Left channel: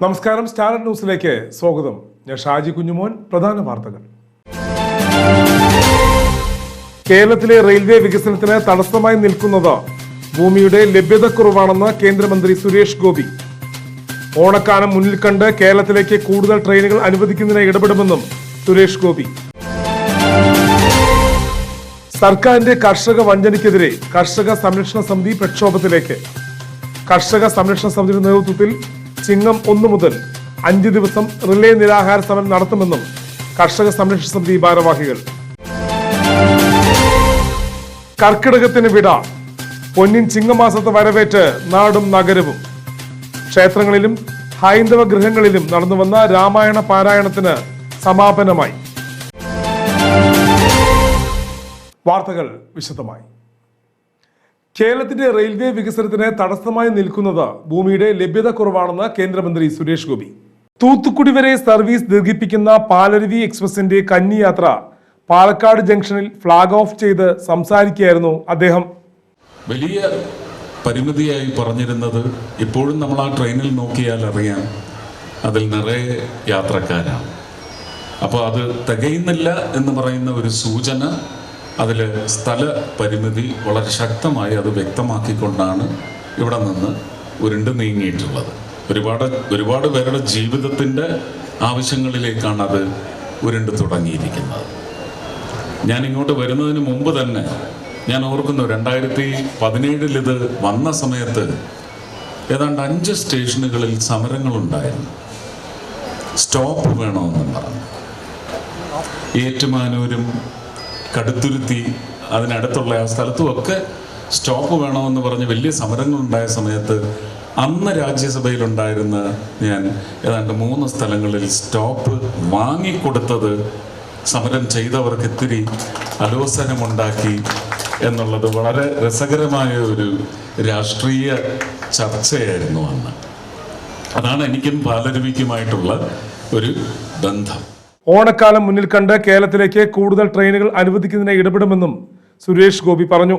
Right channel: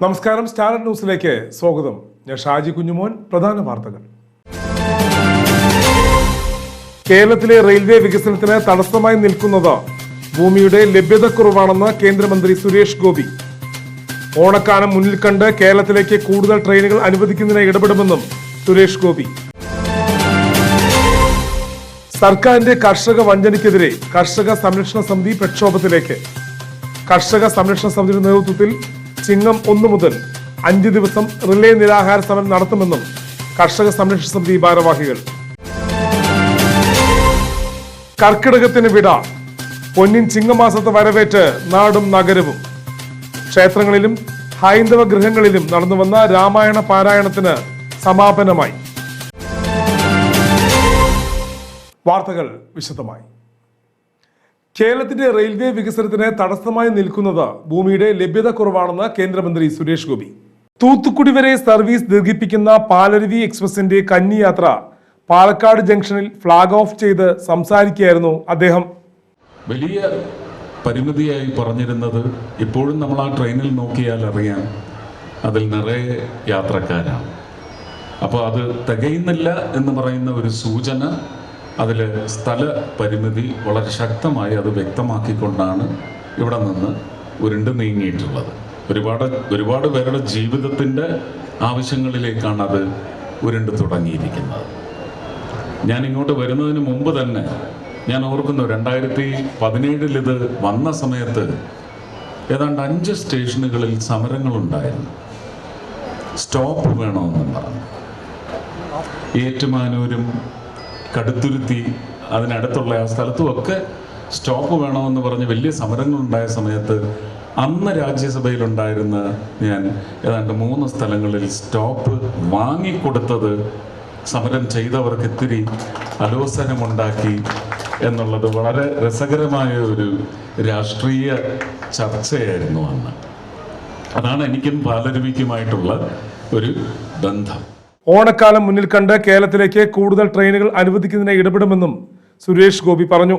നമസ്കാരം സ്റ്റാർഡ് ന്യൂസിലേക്ക് സ്വാഗതം. ഞാൻ ഷാജി കുഞ്ഞുമോൻ പ്രധാന വാർത്തകൾ. കേരളത്തിലെ റെയിൽവേ വികസനത്തിന് തടസ്സമായി നിൽക്കുന്നത് ഭൂമിയുടെ ലഭ്യതക്കുറവാണെന്ന് കേന്ദ്രമന്ത്രി സുരേഷ് ഗോപി. ഓണക്കാലം മുന്നിൽ കണ്ട് കേരളത്തിലേക്ക് കൂടുതൽ ട്രെയിനുകൾ അനുവദിക്കുന്നതിന് ഇടപെടുമെന്നും സുരേഷ് ഗോപി. സർക്കാരിന്റെ കർഷക വഞ്ചനയ്ക്കെതിരെ കർഷക സംരക്ഷണ സമിതി പ്രക്ഷോഭത്തിലേക്ക്. കർഷക സംരക്ഷണ സമിതിയുടെ നേതൃത്വത്തിൽ ചിങ്ങം ഒന്നു മുതൽ അഞ്ച് ദിവസം റിലേ നിരാഹാര സമരം നടത്തുമെന്നും കർഷക സംരക്ഷണ സമിതി ഭാരവാഹികൾ. കർക്കിടകത്തിന് വിട പൊന്നിൻ ചിങ്ങമാസത്തെ വരവേറ്റ് നാടും നഗരവും. ക്ഷേത്രങ്ങളിലും ഹൈന്ദവ ഗൃഹങ്ങളിലും നടന്നുവന്ന രാമായണ പാരായണത്തിന് സമാപനമായി. വാർത്തകൾ വിശദമായി. കേരളത്തിന്റെ റെയിൽവേ വികസനത്തിന് തടസ്സമായി നിൽക്കുന്നത് ഭൂമിയുടെ ലഭ്യത കുറവാണെന്ന് കേന്ദ്രമന്ത്രി സുരേഷ് ഗോപി. തൂത്തുക്കുടി വരെ സർവീസ് ദീർഘിപ്പിക്കുന്ന പാലരുവി എക്സ്പ്രസിന്റെ കന്നിയാത്ര പാലക്കാട് ജംഗ്ഷനിൽ ഫ്ളാഗ് ഓഫ് ചെയ്ത് സംസാരിക്കുകയായിരുന്നു അദ്ദേഹം. വലിയ പരിമിതിയായി പറഞ്ഞിരുന്നത് ഇപ്പോഴും നമ്മൾ ആ ട്രെയിനിൽ നോക്കിയാൽ അറിയാം അതിൽ നിറയെ യാത്രക്കാരാണ്. അപ്പോൾ അത് തികയുന്നില്ല എന്ന് പറയുന്ന ഒരു സൂചന അതിൽ സ്ഥല പരിമിതി വളരെ ശക്തമായി അത് വ്യക്തമാക്കിക്കൊണ്ടാണ് ഇവിടെ നിന്ന് ഉരുണ്ട് നീങ്ങിയിട്ടുള്ളത്. ഒരുപാട് ഒരുപാട് പേരുടെ ജീവിതത്തിന്റെ ആവശ്യങ്ങളിലേക്കാണ് അത് ഉരുണ്ട് തുടങ്ങിയിരിക്കുന്നത്. ഞാൻ ഇങ്ങോട്ട് വരുന്നതിന് മുമ്പ് തന്നെ ഞാൻ ഓർക്കുന്നു രണ്ടായിരത്തി പതിനേഴിൽ ഇത് വന്ന സമയത്ത് ഏതാണ്ട് അഞ്ച് സ്റ്റേഷനുകളിൽ സമരങ്ങളുണ്ടായിരുന്നു. സ്റ്റോപ്പ് വേണമെന്നും പറഞ്ഞു. ഏറ്റുമാനൂരും കടുത്തുരുത്തി അതിനടുത്തുള്ള ആ സ്ഥലത്തുമൊക്കെ സ്റ്റോപ്പ് വേണമെന്ന് പറഞ്ഞ് വലിയ സമരങ്ങൾ സമരങ്ങളുണ്ടായ സമയത്ത് അന്ന് രാജ്യസഭയിലുണ്ടായിരുന്ന ഞാൻ ഏതാണ്ട് മൂന്ന് സ്ഥലങ്ങളിൽ സ്റ്റോപ്പ് വാങ്ങിക്കൊടുത്തത് സമരം ചെയ്തവർക്ക് ഇത്തിരി അലോസനമുണ്ടാക്കി എന്നുള്ളത് വളരെ രസകരമായ ഒരു രാഷ്ട്രീയ ചർച്ചയായിരുന്നു അന്ന്. അതാണ് എനിക്കും പാലരുവിക്കുമായിട്ടുള്ള ഒരു ബന്ധം. ഓണക്കാലം മുന്നിൽ കണ്ട് കേരളത്തിലേക്ക് കൂടുതൽ ട്രെയിനുകൾ അനുവദിക്കുന്നതിനെ ഇടപെടുമെന്നും സുരേഷ് ഗോപി പറഞ്ഞു.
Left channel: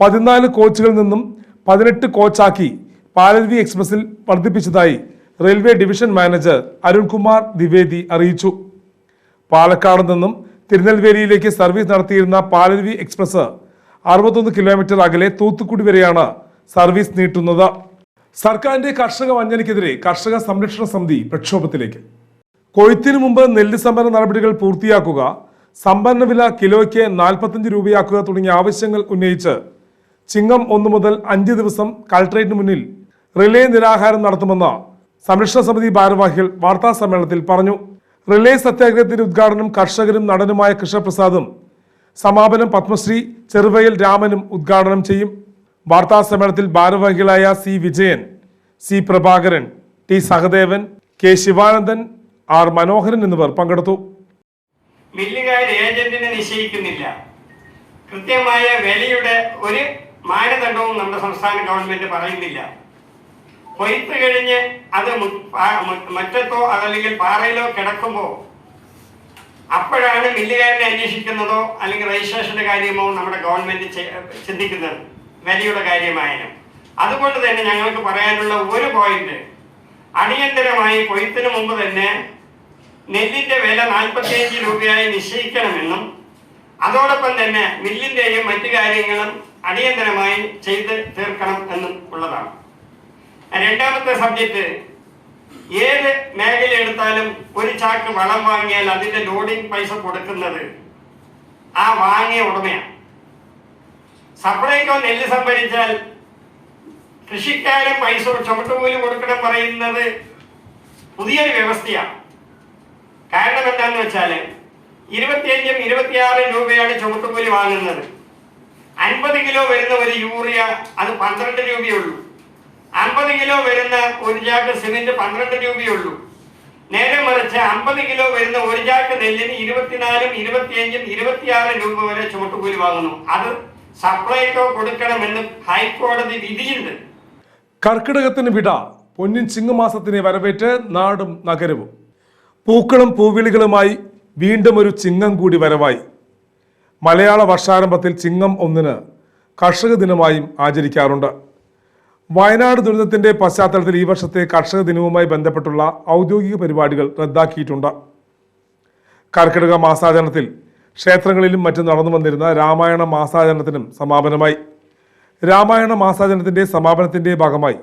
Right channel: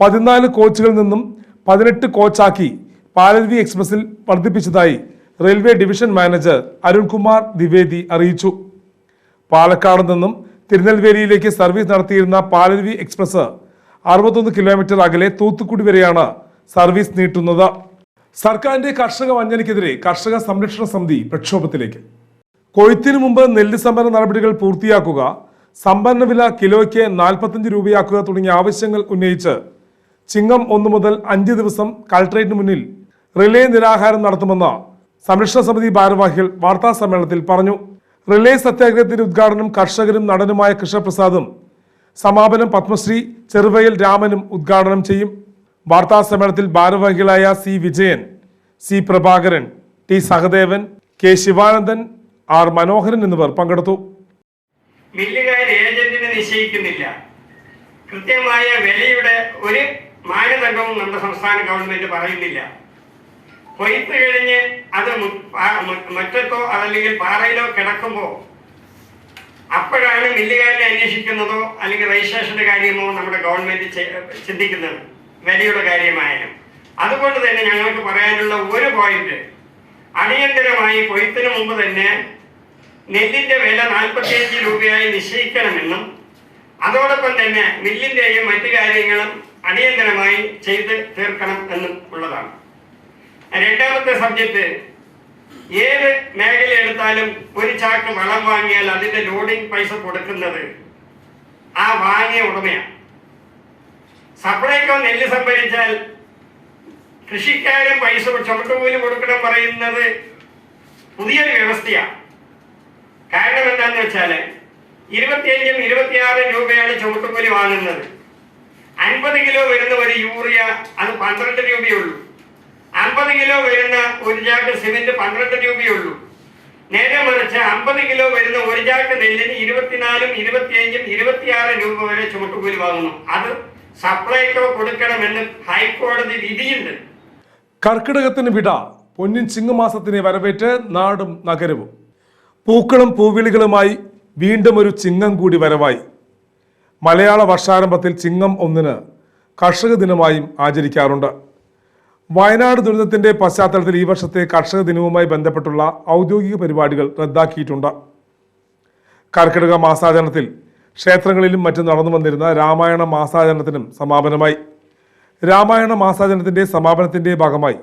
പതിനാല് കോച്ചുകളിൽ നിന്നും പതിനെട്ട് കോച്ചാക്കി പാലരുവി എക്സ്പ്രസിൽ വർദ്ധിപ്പിച്ചതായി railway division manager Arunkumar Dwivedi അറിയിച്ചു. പാലക്കാട് നിന്നും തിരുനെൽവേലിയിലേക്ക് സർവീസ് നടത്തിയിരുന്ന പാലരുവി എക്സ്പ്രസ് അറുപത്തൊന്ന് കിലോമീറ്റർ അകലെ തൂത്തുക്കുടി വരെയാണ് സർവീസ് നീട്ടുന്നത്. സർക്കാരിന്റെ കർഷക വഞ്ചനയ്ക്കെതിരെ കർഷക സംരക്ഷണ സമിതി പ്രക്ഷോഭത്തിലേക്ക്. കൊയ്ത്തിനു മുമ്പ് നെല്ല് സംഭരണ നടപടികൾ പൂർത്തിയാക്കുക സംഭരണ വില കിലോയ്ക്ക് നാൽപ്പത്തഞ്ച് രൂപയാക്കുക തുടങ്ങിയ ആവശ്യങ്ങൾ ഉന്നയിച്ച് ചിങ്ങം ഒന്ന് മുതൽ അഞ്ച് ദിവസം കളക്ടറേറ്റിന് മുന്നിൽ റിലേ നിരാഹാരം നടത്തുമെന്ന് സംരക്ഷണ സമിതി ഭാരവാഹികൾ വാർത്താ സമ്മേളനത്തിൽ പറഞ്ഞു. റിലേ സത്യാഗ്രഹത്തിന്റെ ഉദ്ഘാടനം കർഷകരും നടനുമായ കൃഷ്ണപ്രസാദും സമാപനം പത്മശ്രീ ചെറുവയൽ രാമനും ഉദ്ഘാടനം ചെയ്യും. വാർത്താ സമ്മേളനത്തിൽ ഭാരവാഹികളായ C Vijayan C Prabhakaran T Sahadevan K Sivanandan R Manoharan എന്നിവർ പങ്കെടുത്തു. ഏജന്റിനെ നിശ്ചയിക്കുന്നില്ല. കൃത്യമായ വിലയുടെ ഒരു മാനദണ്ഡവും നമ്മുടെ സംസ്ഥാന ഗവൺമെന്റ് പറയുന്നില്ല. കൊയ്ത്ത് കഴിഞ്ഞ് അത് മുറ്റത്തോ അതല്ലെങ്കിൽ പാറയിലോ കിടക്കുമ്പോൾ അപ്പോഴാണ് മില്ലുകാരനെ അന്വേഷിക്കുന്നതോ അല്ലെങ്കിൽ രജിസ്ട്രേഷന്റെ കാര്യമോ നമ്മുടെ ഗവൺമെന്റ് ചിന്തിക്കുന്നത്. വിലയുടെ കാര്യമായാലും. അതുകൊണ്ട് തന്നെ ഞങ്ങൾക്ക് പറയാനുള്ള ഒരു പോയിന്റ് അടിയന്തരമായി കൊയ്ത്തിന് മുമ്പ് തന്നെ നെല്ലിന്റെ വില നാൽപ്പത്തിയഞ്ച് രൂപയായി നിശ്ചയിക്കണമെന്നും അതോടൊപ്പം തന്നെ മില്ലിന്റെയും മറ്റു കാര്യങ്ങളും അടിയന്തരമായി ചെയ്ത് തീർക്കണം എന്നും ഉള്ളതാണ്. രണ്ടാമത്തെ സബ്ജക്റ്റ് ഏത് മേഖല എടുത്താലും ഒരു ചാക്ക് വളം വാങ്ങിയാൽ അതിന്റെ ലോഡിംഗ് പൈസ കൊടുക്കുന്നത് ആ വാങ്ങിയ ഉടമയാണ്. സപ്ലൈകോ നെല്ല് സംഭരിച്ചാൽ കൃഷിക്കാരൻ പൈസ ചുമട്ടുകൂലി കൊടുക്കണം പറയുന്നത് പുതിയൊരു വ്യവസ്ഥയാണ്. കാരണം എന്താന്ന് വെച്ചാൽ ഇരുപത്തിയഞ്ചും ഇരുപത്തിയാറും രൂപയാണ് ചുമട്ടുകൂലി വാങ്ങുന്നത്. അൻപത് കിലോ വരുന്ന ഒരു യൂറിയ അത് പന്ത്രണ്ട് രൂപയുള്ളൂ. അമ്പത് കിലോ വരുന്ന ഒരു ചാക്ക് സിമെന്റ് പന്ത്രണ്ട് രൂപയുള്ളൂ. നേരെ മറിച്ച് അമ്പത് കിലോ വരുന്ന ഒരു ചാക്ക് നെല്ലിന് ഇരുപത്തിനാലും ഇരുപത്തിയഞ്ചും ഇരുപത്തിയാറും രൂപ വരെ ചുമട്ടുകൂലി വാങ്ങുന്നു. അത് സപ്ലൈക്കോ കൊടുക്കണമെന്ന് ഹൈക്കോടതി വിധിയുണ്ട്. കർക്കിടകത്തിന് വിട പൊന്നിൻ ചിങ്ങമാസത്തിനെ വരവേറ്റ് നാടും നഗരവും. പൂക്കളും പൂവിളികളുമായി വീണ്ടും ഒരു ചിങ്ങം കൂടി വരവായി. മലയാള വർഷാരംഭത്തിൽ ചിങ്ങം ഒന്നിന് കർഷക ദിനമായും ആചരിക്കാറുണ്ട്. വയനാട് ദുരിതത്തിന്റെ പശ്ചാത്തലത്തിൽ ഈ വർഷത്തെ കർഷക ദിനവുമായി ബന്ധപ്പെട്ടുള്ള ഔദ്യോഗിക പരിപാടികൾ റദ്ദാക്കിയിട്ടുണ്ട്. കർക്കിടക മാസാചരണത്തിൽ ക്ഷേത്രങ്ങളിലും മറ്റും നടന്നു വന്നിരുന്ന രാമായണ മാസാചരണത്തിനും സമാപനമായി. രാമായണ മാസാചരണത്തിന്റെ സമാപനത്തിന്റെ ഭാഗമായി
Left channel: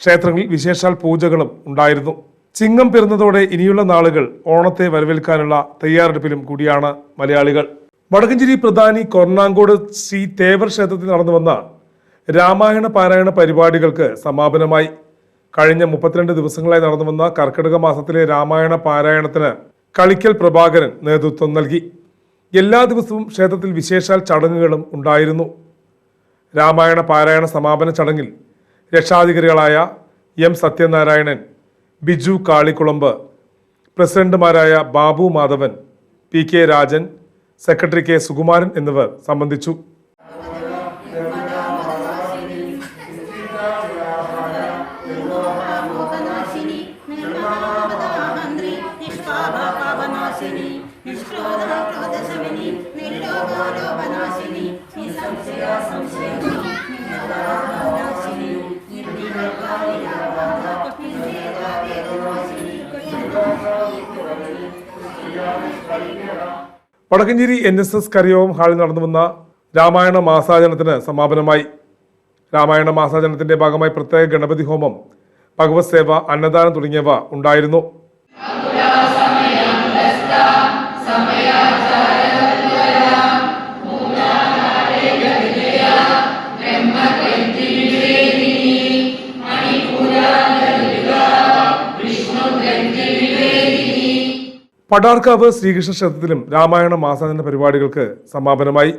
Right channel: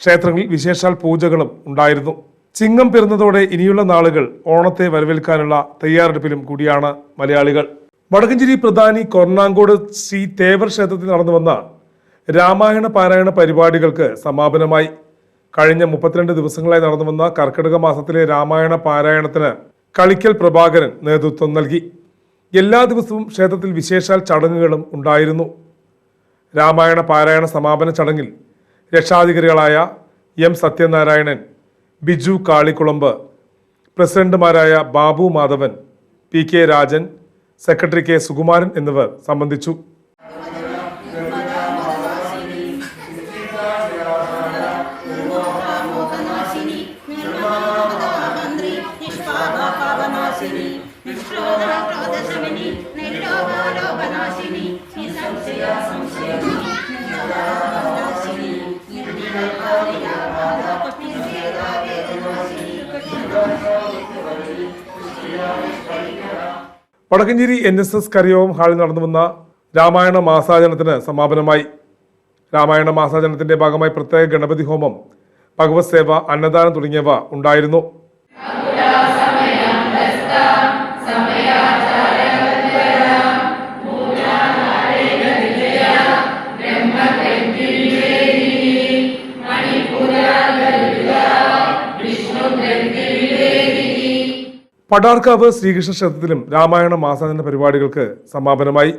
ക്ഷേത്രങ്ങളിൽ വിശേഷാൽ പൂജകളും ഉണ്ടായിരുന്നു. ചിങ്ങം പിറന്നതോടെ ഇനിയുള്ള നാളുകൾ ഓണത്തെ വരവേൽക്കാനുള്ള തയ്യാറെടുപ്പിലും കൂടിയാണ് മലയാളികൾ. വടക്കഞ്ചേരി പ്രധാനി കൊർണാങ്കോട് ശ്രീ തേവർ ക്ഷേത്രത്തിൽ നടന്നു വന്ന രാമായണ പാരായണ പരിപാടികൾക്ക് സമാപനമായി. കഴിഞ്ഞ മുപ്പത്തിരണ്ട് ദിവസങ്ങളായി നടന്നു വന്ന കർക്കിടക മാസത്തിലെ രാമായണ പാരായണത്തിന് കളിക്കൽ പ്രഭാകരൻ നേതൃത്വം നൽകി. എല്ലാ ദിവസവും ക്ഷേത്രത്തിൽ വിശേഷാൽ ചടങ്ങുകളും ഉണ്ടായിരുന്നു. രാമായണ പാരായണ സമാപന ചടങ്ങിൽ രക്ഷാധികാരികളായ എം സത്യനാരായണൻ ബിജു കാളിക്കുളമ്പ് പ്രസിഡന്റുമാരായ Babu Madhavan P K Rajan secretary K Sukumaran എന്നിവർ സംബന്ധിച്ചു. വടക്കഞ്ചേരി എൻ എസ് എസ് കറിയോം ഹാളിൽ നടന്നു വന്ന രാമായണ മാസാചരണത്തിന് സമാപനമായി. രാമായണ മാസാചരണത്തിന്റെ ഭാഗമായി പ്രത്യേക ഗണപതി ഹോമം ഭഗവത് സേവ അന്നദാനം തുടങ്ങിയവ ഉണ്ടായിരുന്നു. പടാർക്കാവ് ശ്രീകൃഷ്ണ ക്ഷേത്രത്തിലും രാമായണ മാസാചരണ പരിപാടികൾക്ക് സമാപനമായി.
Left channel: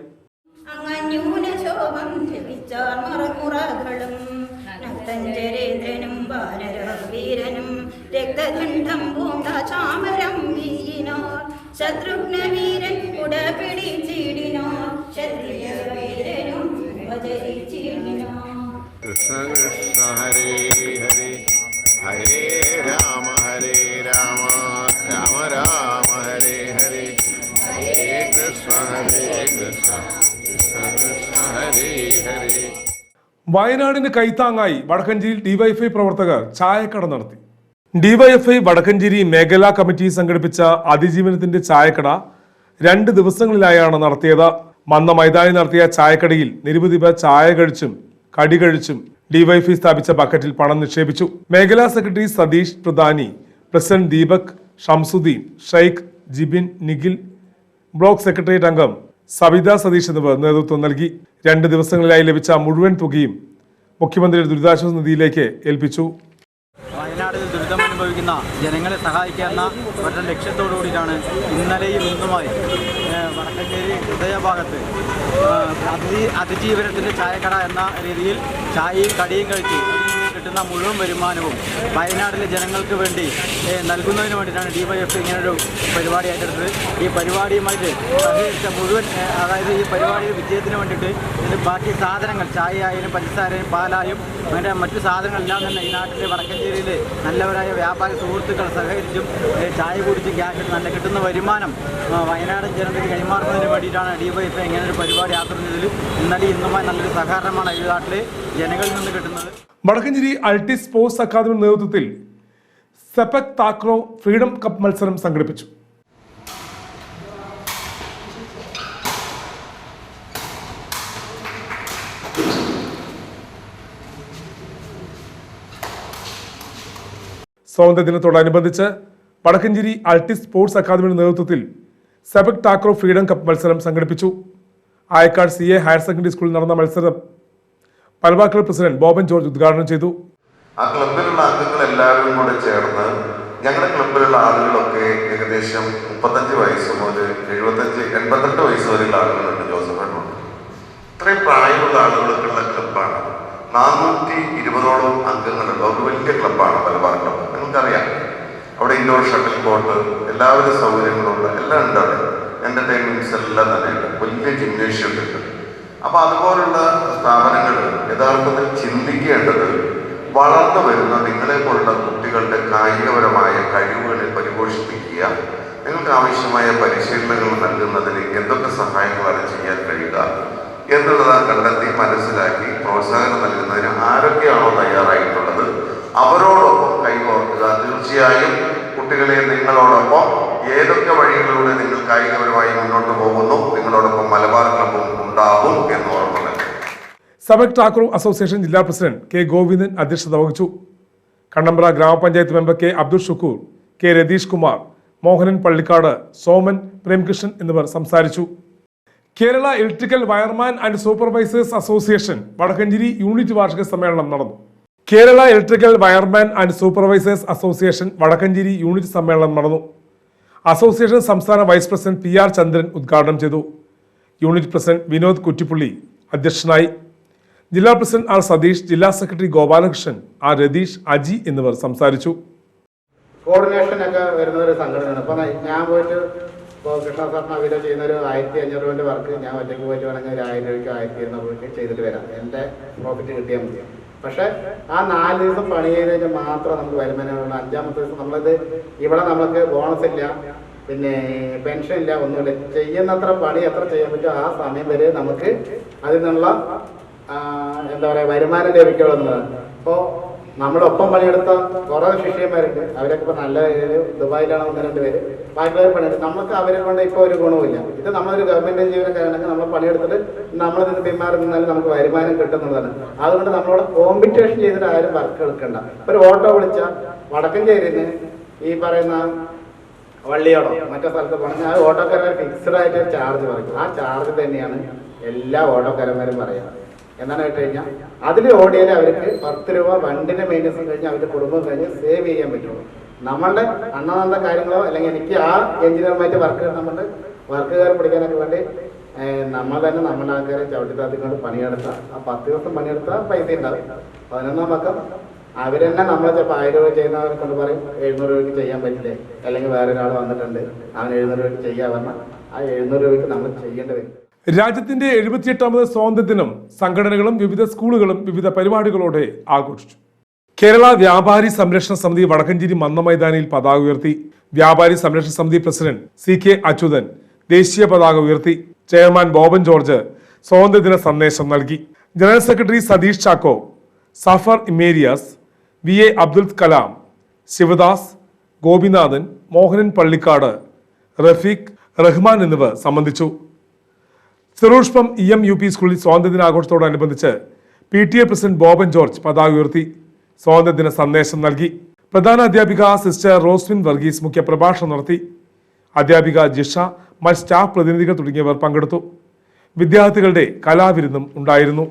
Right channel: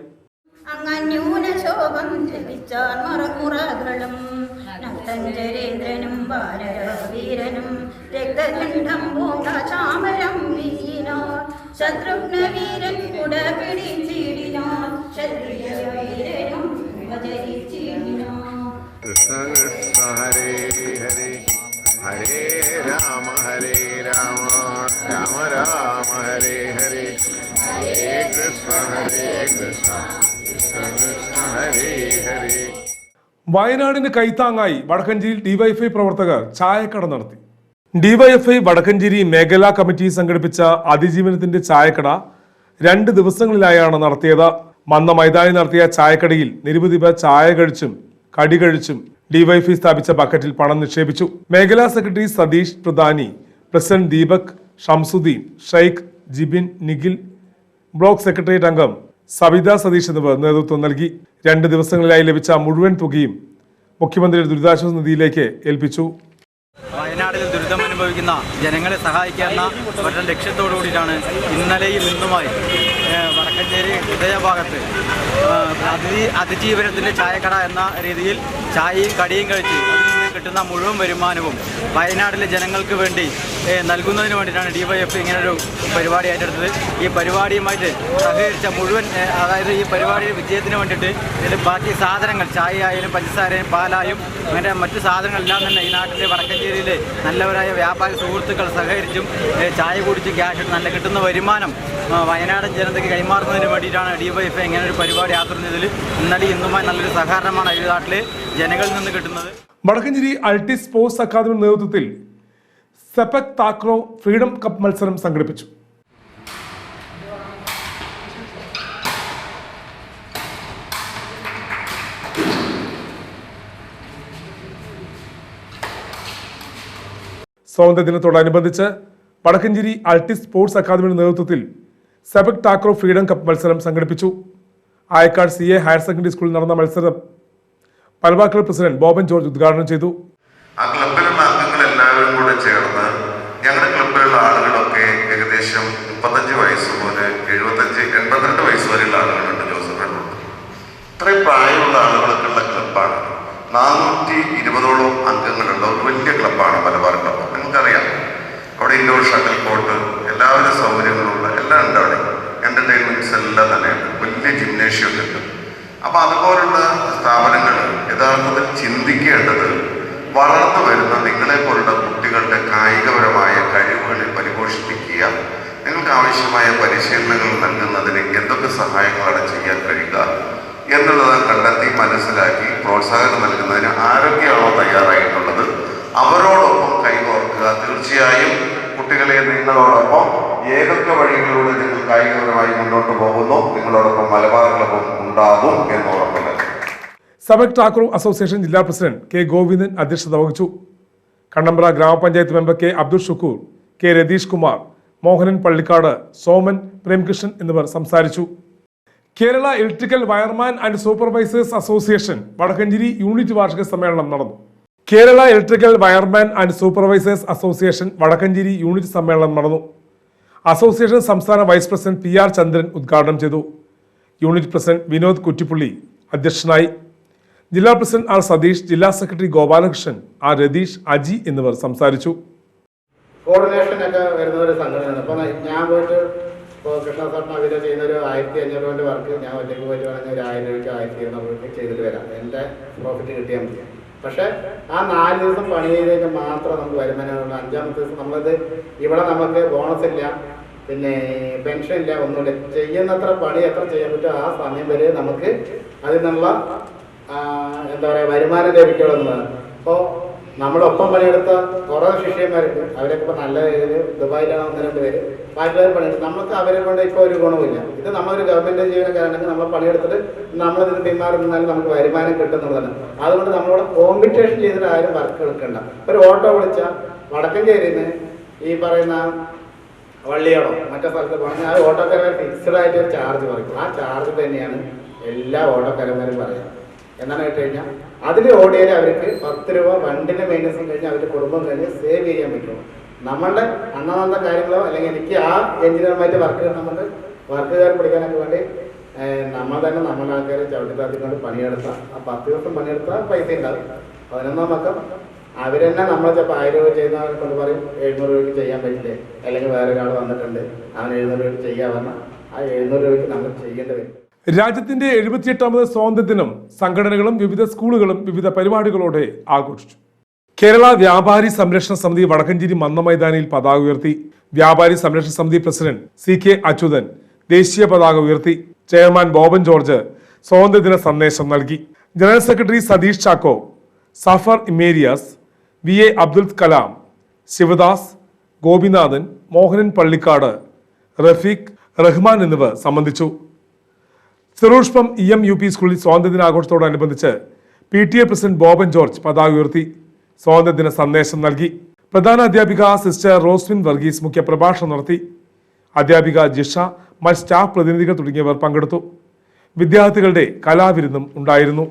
ശത്രുഘ്നവീരൻ ചീടിനോ ശത്രുഘ്ന വീരൻ പിടിച്ചിടിനോ? ക്ഷത്രിയ വീരനും വിഭജിച്ചിടിനോ കൃഷ്ണ വയനാടിന് കൈത്താങ്ങായി വടക്കഞ്ചേരിയിൽ ഡിവൈഎഫ്ഐ പ്രവർത്തകർ ചായക്കട നടത്തി. ഡിവൈഎഫ്ഐ വടക്കഞ്ചേരി മേഖലാ കമ്മിറ്റി സംഘടിപ്പിച്ച അതിജീവനത്തിന്റെ ചായക്കട രണ്ട് ദിവസങ്ങളിലായാണ് നടത്തിയത്. മന്ന മൈതാനി നടത്തിയ ചായക്കടയിൽ നിരവധി പേർ ചായ കഴിച്ചും കടി കഴിച്ചും ഡിവൈഎഫ്ഐ സ്ഥാപിച്ച ബക്കറ്റിൽ പണം നിക്ഷേപിച്ചു. മേഖലാ സെക്രട്ടറി സതീഷ് പ്രധാനി president Deepak Shamsuddin Sheikh Jibin Nikhil block secretariat അംഗം സവിത സതീഷ് എന്നിവർ നേതൃത്വം നൽകി. രണ്ട് ദിവസങ്ങളിലായി ലഭിച്ച മുഴുവൻ തുകയും മുഖ്യമന്ത്രിയുടെ ദുരിതാശ്വാസ നിധിയിലേക്ക് ഏൽപ്പിച്ചു. വയനാട്ടിൽ ദുരിതം അനുഭവിക്കുന്ന ജനങ്ങളെ സഹായിക്കുക എന്ന ഒറ്റ ലക്ഷ്യത്തോടു ഇന്നലെയും ഇന്നുമായി വടക്കഞ്ചേരി ഹൃദയഭാഗത്ത് അതിഥി അതിജീവനത്തിന്റെ ചായക്കട എന്ന രീതിയിൽ ചായയും കടിയും കഴിച്ച് അതിൽ കിട്ടുന്ന മുഴുവൻ വരുമാനവും വയനാട്ടിലെ ജനങ്ങൾക്ക് വേണ്ടി നൽകുന്നതിന് വേണ്ടിയിട്ടാണ് ഡി വൈ എഫ് ഇങ്ങനൊരു പരിപാടി ഏറ്റെടുത്തത്. ഈ പരിപാടിയുമായിട്ട് സഹകരിച്ച മുഴുവൻ അതായത് ഈ പരിപാടിയുടെ വിജയത്തിന് വേണ്ടിയിട്ട് ഇതിൽ ബാക്കി സാധനങ്ങൾ ചായ ആയാലും പഞ്ചസാരയും പാലായും അങ്ങനെ മറ്റു സാധനങ്ങളെല്ലാം തന്നെ ഈ നാട്ടിലെ വടക്കഞ്ചേരിയിലെ നല്ലവരായ വ്യാപാരി സുഹൃത്തുക്കൾ സഹകരിച്ചും ചായ കുടിച്ച് ക്യാഷ് നല്ല കിട്ടുന്ന വരുമാനം വയനാടൻ ജനതയ്ക്ക് കൈമാറുന്നതിന് വേണ്ടിയിട്ടാണ് ഡിവൈഎഫ് ഇങ്ങനെ ഒരു പരിപാടി ആസൂത്രണത്തിൽ ഇന്നലെ ഇന്നുമായി നല്ലൊരു സഹകരണമാണ് ഈ ജനങ്ങളിൽ നിന്ന് കിട്ടുന്നത്. വടക്കഞ്ചേരി അൾട്ടി സ്പോർട്സ് അക്കാദമി നേതൃത്വത്തിൽ സെപക് താക്രോ ഫ്രീഡം കപ്പ് മത്സരം സംഘടിപ്പിച്ചു. സ്വാതന്ത്ര്യ ദിനത്തോടനുബന്ധിച്ച് വടക്കഞ്ചേരി അൾട്ടി സ്പോർട്സ് അക്കാദമിയുടെ നേതൃത്വത്തിൽ സെബക് ടാക്രോ ഫ്രീഡം കപ്പ് മത്സരം സംഘടിപ്പിച്ചു. Ayakkad C A higher secondary സ്കൂളിൽ നടന്ന മത്സരം ക്ലബ് പ്രസിഡന്റ് ബോബൻ ജോർജ് ഉദ്ഘാടനം ചെയ്തു. വളർന്നു സമക് ടാക്കൂർ അസോസിയേഷൻ ജില്ലാ പ്രസിഡന്റ് കെ ഗോവിന്ദൻ അധ്യക്ഷത വഹിച്ചു. കണ്ണമ്പ്ര ഗ്രാമപഞ്ചായത്ത് member K Abdul Shukoor K Ratheesh Kumar Mohanan Pallikkad Soman Premkrishnan എന്നിവർ സംസാരിച്ചു. Kerala electrical wireman and supervisors association Vadakkencherry unit വാർഷിക സമ്മേളനം നടന്നു. Kerala electrical wireman and supervisors association Vadakkencherry unit സമ്മേളനം നടന്നു. അസോസിയേഷൻ സംസ്ഥാന vice president P R Chandran ഉദ്ഘാടനം ചെയ്തു. യൂണിറ്റ് പ്രസിഡന്റ് വിനോദ് കുറ്റിപ്പുള്ളി അധ്യക്ഷനായി. ജില്ലാ പ്രസിഡന്റ് ആർ സതീഷ് ജില്ലാ സെക്രട്ടറി ഗോപാലകൃഷ്ണൻ ആർ രതീഷ് അജി എന്നിവർ സംസാരിച്ചു. കോർഡിനേഷൻ ഒക്കെ വരുന്ന ഒരു സംഘടനയാണ്. അപ്പോൾ ഞാൻ പോയിട്ട് ഇപ്പോൾ കൃഷ്ണ സാറിന് അവർ ചെയ്യുന്ന ഒരു ആയിരത്തി അഞ്ഞൂറ് രൂപന്റെ വർക്ക് ഞാൻ ഒറ്റയ്ക്ക് പോയിട്ട് വേണമെങ്കിൽ ഒരു ആയിരം രൂപയ്ക്ക് ആയിരത്തി ഇരുന്നൂറ് ചെയ്തിട്ട് വരാം. എന്റെ പ്രോഫിറ്റ് കിട്ടിയാൽ മതി. പക്ഷേ ആ നാല് ദിവസം പണി ചെയ്ത് കഴിഞ്ഞാൽ മാത്രം നമുക്ക് വരുമാനമുള്ള അഞ്ചാമത്തെ ദിവസം നമ്മളിത് ഇവിടെ നമുക്ക് ബോണസ് ഇല്ല. പിന്നെ പെൻഷൻ ഇല്ല ഒന്നുമില്ല. ചെയ്യുന്നത്ര പണി എത്ര ചെയ്യാൻ പറ്റുമോ ആ സമയം വരെ നമുക്ക് അതിനുള്ള എന്താ പറയുക വരുമാനം ലഭിക്കണമെന്ന്. അപ്പോൾ നമ്മുടെ ഒപ്പം പണിയെടുത്ത കുറേ ശിഷ്യന്മാരുണ്ട്. അവരൊക്കെ ഇപ്പോൾ നല്ല രീതിയിൽ ദുബായിലാണ് ഒന്ന് രണ്ട് പേര്. ബാക്കിയുള്ളവർ പണിയെടുത്ത് നമുക്ക് അവരെ കൊണ്ട് ഇപ്പോൾ ഒരു ഗുണവുമില്ല. ഇത് നമ്മളൊരു ഗവൺമെന്റ് ജീവനക്കാരാണെങ്കിൽ നമ്മൾ പണിയെടുത്തിട്ട് നമ്മളിതിന് പിന്മാറി നിന്നാലും നമുക്ക് വരുമാനം കിട്ടുന്നതാണ്. അതുകൊണ്ട് നമ്മളോട് കോമ്പറ്റീഷൻ ചെയ്തിട്ട് ആരും വർക്ക് എടുക്കണ്ട. ഒരു ഓട്ടോ വിളിച്ച വടക്കഞ്ചേരിന്ന് ഈ പറയുന്ന വള്ളിയോടോ മറ്റേ സ്ഥലത്ത് പോകണമെങ്കിൽ ആ ഓട്ടോക്കാരൻ ഫിക്സഡ് ആയിട്ട് ചാർജ് പറയും. ആ ചാർജ് തന്നെയാണ് എല്ലാ ഓട്ടോക്കാരന്മാരും പറയുക. എന്നാണ് കേട്ട് കഴിഞ്ഞാൽ അതിൽ ഓടിയാൽ അവർക്ക് പത്ത് രൂപ വണ്ടിന്റെ മെയിന്റനൻസും കഴിഞ്ഞ് അവരുടെ കുടുംബം കഴിഞ്ഞ് സേവ് ചെയ്യാൻ പറ്റുള്ളൂ. നമ്മളുടെ അന്നന്നത്തെ കാര്യങ്ങളോ അല്ലെങ്കിൽ എനിക്ക് ആ എഞ്ചിനീയർമായിട്ട് വർക്ക് നമ്മുടെ വർക്കുകാരെ പിടിക്കാനൊക്കെ വേണ്ടി നമ്മൾ തന്നെ നമ്മളെ ആൾക്കാരെ ചവിട്ടി താത്തിക്കൊണ്ട് പണിയെടുത്താൽ ആ പത്ത് ദിവസം പണിയെടുത്താൽ പൈസ ഉണ്ടാവും. പതിനൊന്നാം പക്കം അവരെന്നെ നമ്മളെ ചിലപ്പോൾ ആയിരം രൂപ ചെയ്യുന്നവരെ കൊണ്ട് പറയും എഴുന്നൂറ് രൂപയ്ക്ക് ചെയ്യാൻ പറ്റില്ലേ? അല്ലെങ്കിൽ വേറെ ഒരാൾ വന്നിട്ടുണ്ട് അവൻ എഴുന്നൂറ് രൂപയ്ക്ക് ചെയ്യാൻ പറഞ്ഞാൽ ആ എഴുന്നൂറ് രൂപയ്ക്ക് നമ്മൾ ചെയ്യേണ്ടി വരും. രാജ്യത്തിന്റെ എഴുപത്തിയെട്ടാമത് സ്വാതന്ത്ര്യദിനം സംഘടനകളും വിവിധ സ്കൂളുകളും വിവിധ പരിപാടികളോടെ ആഘോഷിച്ചു. കേരള വ്യാപാരി സംരക്ഷണ സമിതി വടക്കഞ്ചേരി മന്ന മൈതാനിയിൽ പതാക ഉയർത്തി. വ്യാപാരി സംരക്ഷണ സമിതി പ്രസിഡന്റ് സി കെ അച്യുതൻ ദേശീയ പതാക ഉയർത്തി. ചെയർമാൻ ബോബൻ ജോർജ് സ്വാതന്ത്ര്യദിന സന്ദേശം നൽകി. ജനറൽ സെക്രട്ടറി സതീഷ് ചാക്കോ സഫർ ഇമേരിയാസ് വി എ അബ്ദുൽ കലാം ശിവദാസ് ഗോപിനാഥൻ മോഹനൻ പള്ളിക്കാട് റഫീഖ് റഹ്മാൻ എന്നിവർ സംബന്ധിച്ചു. ചെറുഷ്പം ഇ എം യു പി സ്കൂളിൽ സ്വാതന്ത്ര്യദിനാഘോഷത്തോടനുബന്ധിച്ച് P T A president Boban George പതാക ഉയർത്തി സ്വാതന്ത്ര്യദിന സന്ദേശം നൽകി. പ്രധാന അധ്യാപിക സിസ്റ്റർ റോസ്വിൻ വർഗീസ് മുഖ്യ പ്രഭാഷണം നടത്തി. അധ്യാപിക ജിഷ മറ്റ് സ്റ്റാഫ് പ്രതിനിധികൾ തുടങ്ങിയവർ പങ്കെടുത്തു. വിദ്യാർത്ഥികളുടെ കലാവിരുന്നും ഉണ്ടായിരുന്നു.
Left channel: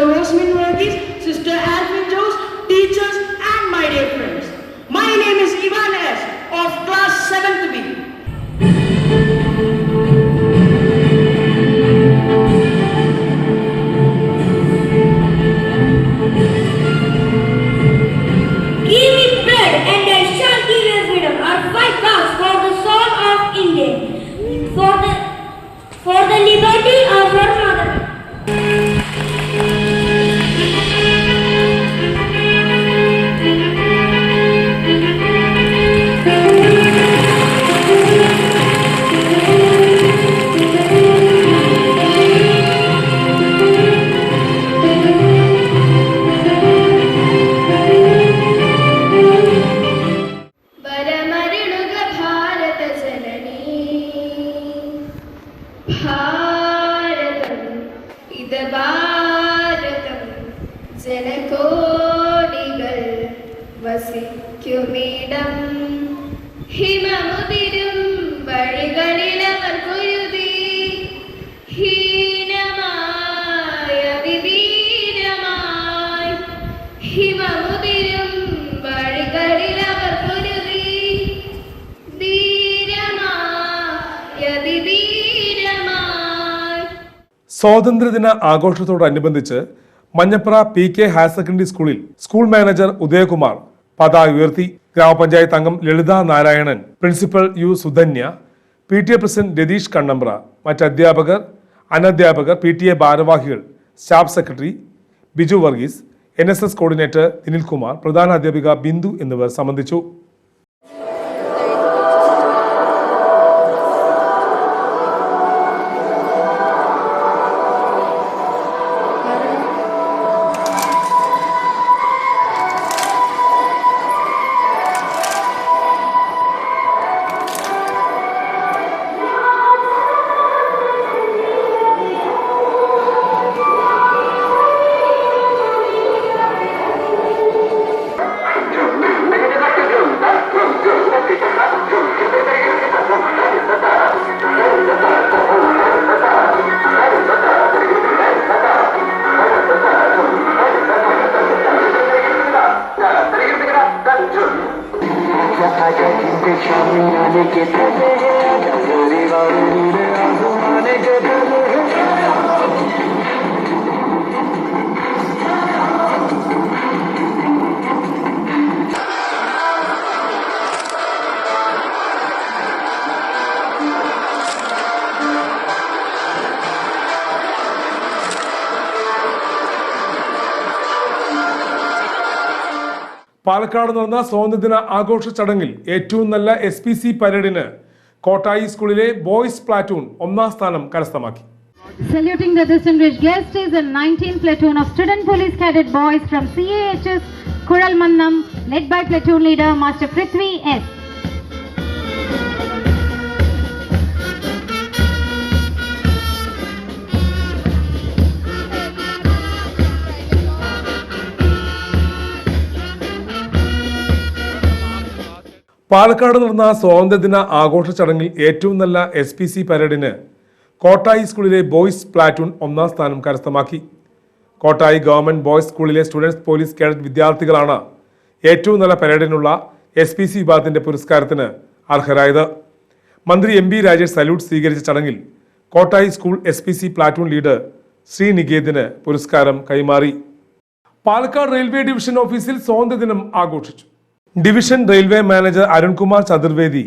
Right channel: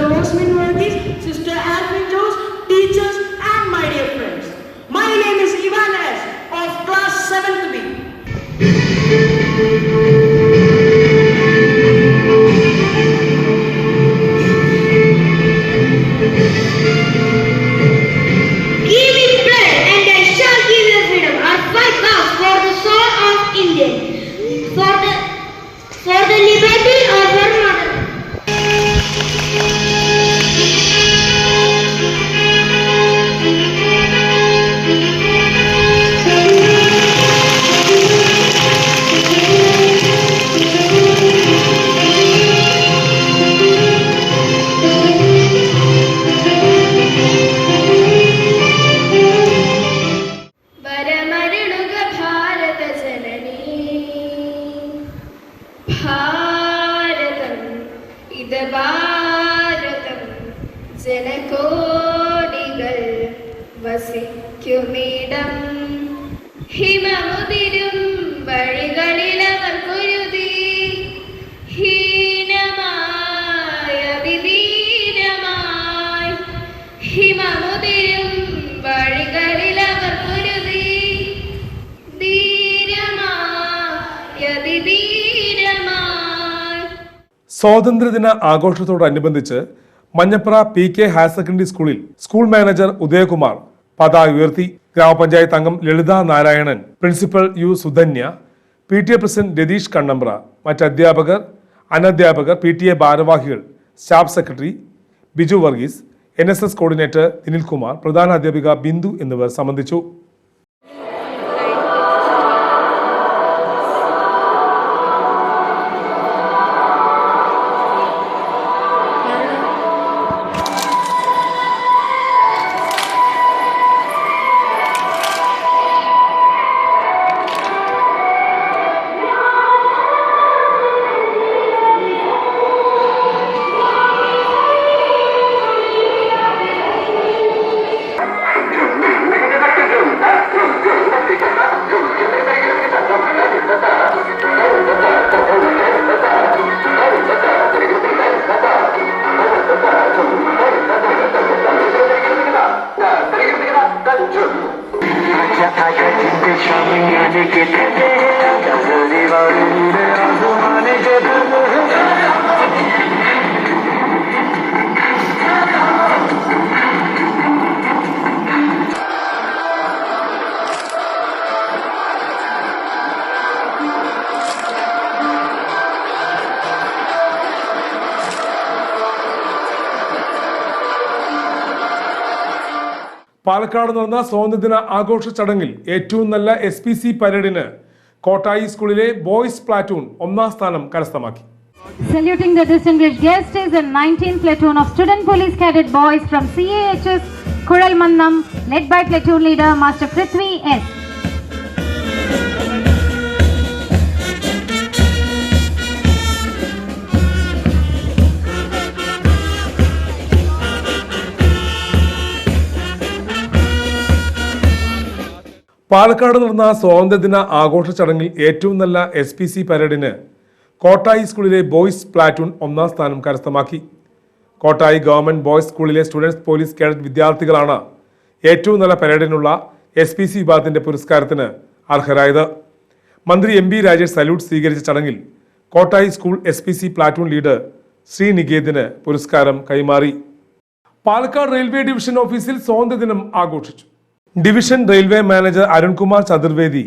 Charles Minorities സ്വാതന്ത്ര്യദിന ആഘോഷത്തോടനുബന്ധിച്ച് Manjapra P K higher secondary സ്കൂളിൽ സ്കൂൾ മാനേജർ ഉദയകുമാർ പതാക ഉയർത്തി ഗ്രാമപഞ്ചായത്ത് അംഗം Lalitha Narayanan principal U Sudhanya P T A president Ratheesh Kannambra മറ്റ് അധ്യാപകർ അനധ്യാപകർ പി ടി എ ഭാരവാഹികൾ staff secretary Biju Varghese N S S coordinator Dinilkumar പ്രധാന അധ്യാപിക ബിന്ദു എന്നിവർ സംബന്ധിച്ചു. പാലക്കാട് നടന്ന സ്വാതന്ത്ര്യദിന ആഘോഷ ചടങ്ങിൽ ഏറ്റവും നല്ല എസ് പി സി പരേഡിന് കോട്ടായി സ്കൂളിലെ ബോയ്സ് പ്ലാറ്റൂൺ ഒന്നാം സ്ഥാനം കരസ്ഥമാക്കി Saluting the distinguished guest is a 19th platoon of student police cadet boys from CAHS Kuralmannam led by platoon leader Master Prithvi S. Palakkad നടന്ന സ്വാതന്ത്ര്യദിന ആഘോഷ ചടങ്ങിൽ ഏറ്റവും നല്ല എസ് പി സി പരേഡിന് കോട്ടായി സ്കൂളിലെ ബോയ്സ് പ്ലാറ്റൂൺ ഒന്നാം സ്ഥാനം കരസ്ഥമാക്കി. കോട്ടായി ഗവൺമെന്റ് ബോയ്സ് സ്കൂളിലെ സ്റ്റുഡൻസ് പോലീസ് കേഡറ്റ് വിദ്യാർത്ഥികളാണ് ഏറ്റവും നല്ല പരേഡിനുള്ള എസ് പി സി വിഭാഗത്തിന്റെ പുരസ്കാരത്തിന് അർഹരായത്. മന്ത്രി എം ബി രാജേഷ് സല്യൂട്ട് സ്വീകരിച്ച ചടങ്ങിൽ Kottayi school S P C platoon leader Sree നികേതിന് പുരസ്കാരം കൈമാറി. പാലക്കാട് റെയിൽവേ ഡിവിഷൻ ഓഫീസിൽ സ്വാതന്ത്ര്യദിനം ആഘോഷിച്ചു. Division railway manager Arunkumar Chaturvedi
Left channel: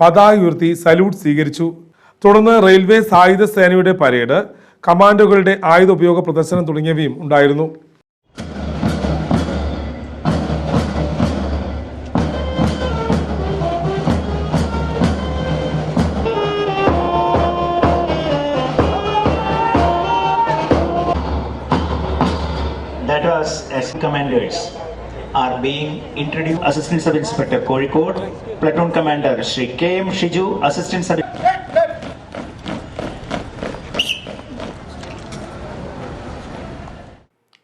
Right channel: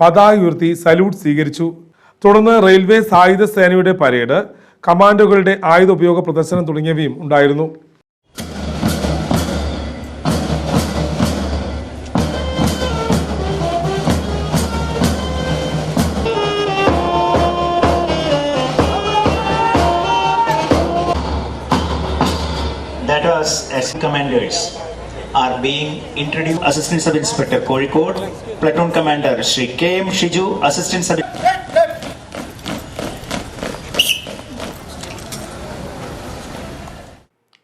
പതാക ഉയർത്തി സല്യൂട്ട് സ്വീകരിച്ചു. തുടർന്ന് റെയിൽവേ സായുധ സേനയുടെ പരേഡ് കമാൻഡോകളുടെ ആയുധ ഉപയോഗ പ്രദർശനം തുടങ്ങിയവയും ഉണ്ടായിരുന്നു. Commanders are being introduced. Assistant sub inspector Kozhikode platoon commander K M Shiju assistant sub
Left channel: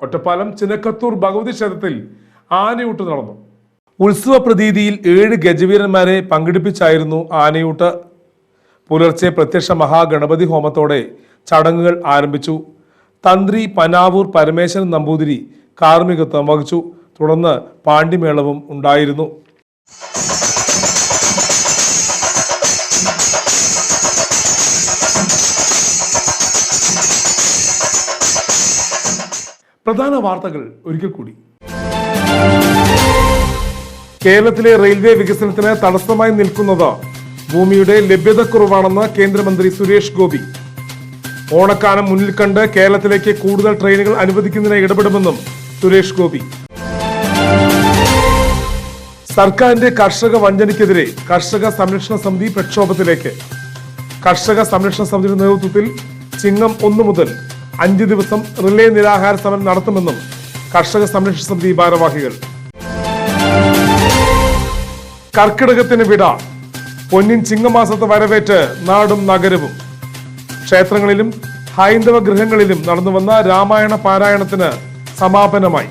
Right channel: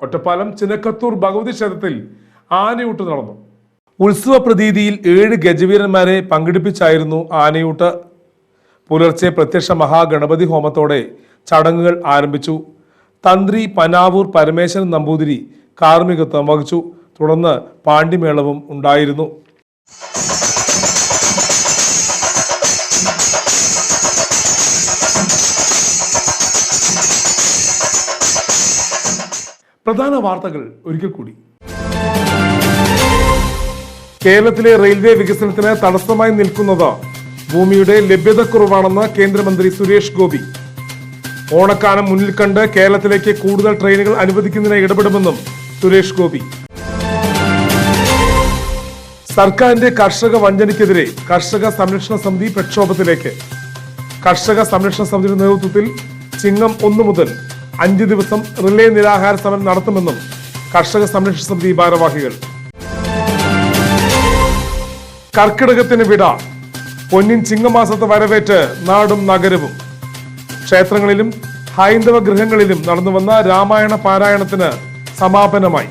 Ottapalam Chinakkathur Bhagavathi ക്ഷേത്രത്തിൽ ആനയൂട്ട് നടന്നു. ഉത്സവ പ്രതീതിയിൽ ഏഴ് ഗജവീരന്മാരെ പങ്കെടുപ്പിച്ചായിരുന്നു ആനയൂട്ട്. പുലർച്ചെ പ്രത്യക്ഷ മഹാഗണപതി ഹോമത്തോടെ ചടങ്ങുകൾ ആരംഭിച്ചു. തന്ത്രി പനാവൂർ പരമേശ്വരൻ നമ്പൂതിരി കാർമ്മികത്വം വഹിച്ചു. തുടർന്ന് പാണ്ഡിമേളവും ഉണ്ടായിരുന്നു. പ്രധാന വാർത്തകൾ ഒരിക്കൽ കൂടി. കേരളത്തിലെ റെയിൽവേ വികസനത്തിന് തടസ്സമായി നിൽക്കുന്നത് ഭൂമിയുടെ ലഭ്യതക്കുറവാണെന്ന് കേന്ദ്രമന്ത്രി സുരേഷ് ഗോപി. ഓണക്കാലം മുന്നിൽ കണ്ട് കേരളത്തിലേക്ക് കൂടുതൽ ട്രെയിനുകൾ അനുവദിക്കുന്നതിന് ഇടപെടുമെന്നും സുരേഷ് ഗോപി. സർക്കാരിന്റെ കർഷക വഞ്ചനയ്ക്കെതിരെ കർഷക സംരക്ഷണ സമിതി പ്രക്ഷോഭത്തിലേക്ക്. കർഷക സംരക്ഷണ സമിതിയുടെ നേതൃത്വത്തിൽ ചിങ്ങം ഒന്നു മുതൽ അഞ്ച് ദിവസം റിലേ നിരാഹാര സമരം നടത്തുമെന്നും കർഷക സംരക്ഷണ സമിതി ഭാരവാഹികൾ. കർക്കിടകത്തിന് വിട പൊന്നിൻ ചിങ്ങമാസത്തെ വരവേറ്റ് നാടും നഗരവും. ക്ഷേത്രങ്ങളിലും ഹൈന്ദവ ഗൃഹങ്ങളിലും നടന്നുവന്ന രാമായണ പാരായണത്തിന് സമാപനമായി.